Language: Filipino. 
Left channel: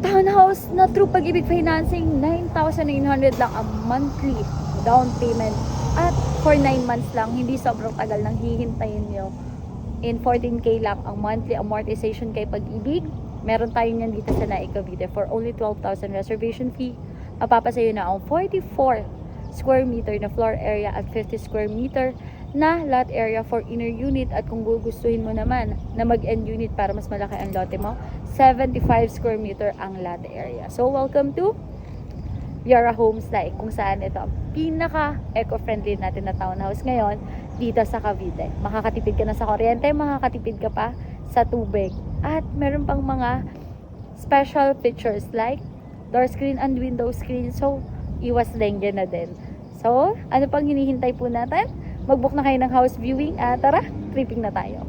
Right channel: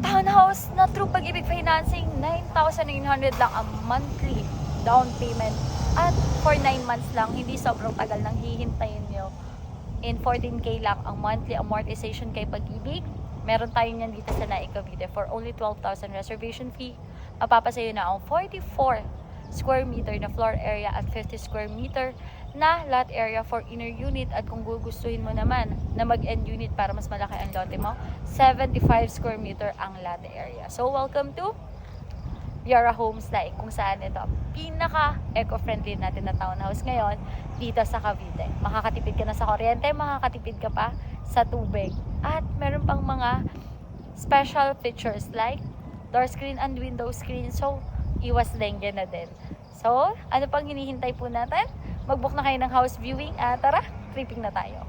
Townhouse na through Pag-ibig Financing, 9,900 lang ang monthly down payment. At for 9 months lang, hindi sobrang tagal nang hihintayin nyo. In 14K lang ang monthly amortization kay Pag-ibig. Meron tayo niyan dito sa Naik Cavite for only 12,000 reservation fee. Mapapasayo na ang 44 square meter na floor area at 50 square meter na lot area for inner unit. At kung gugustuhin mo naman na mag-end unit para mas malaki ang lote mo, 75 square meter ang lot area. So welcome to Viara Homes Naik, kung saan ito ang pinaka eco-friendly natin na townhouse ngayon dito sa Cavite. Makakatipid ka na sa kuryente, makakatipid ka pa sa tubig, at meron pang mga special features like door screen and window screen. So iwas dengue na din. So ano pang hinihintay po natin? Mag-book na kayo ng house viewing at tara, tripping na tayo.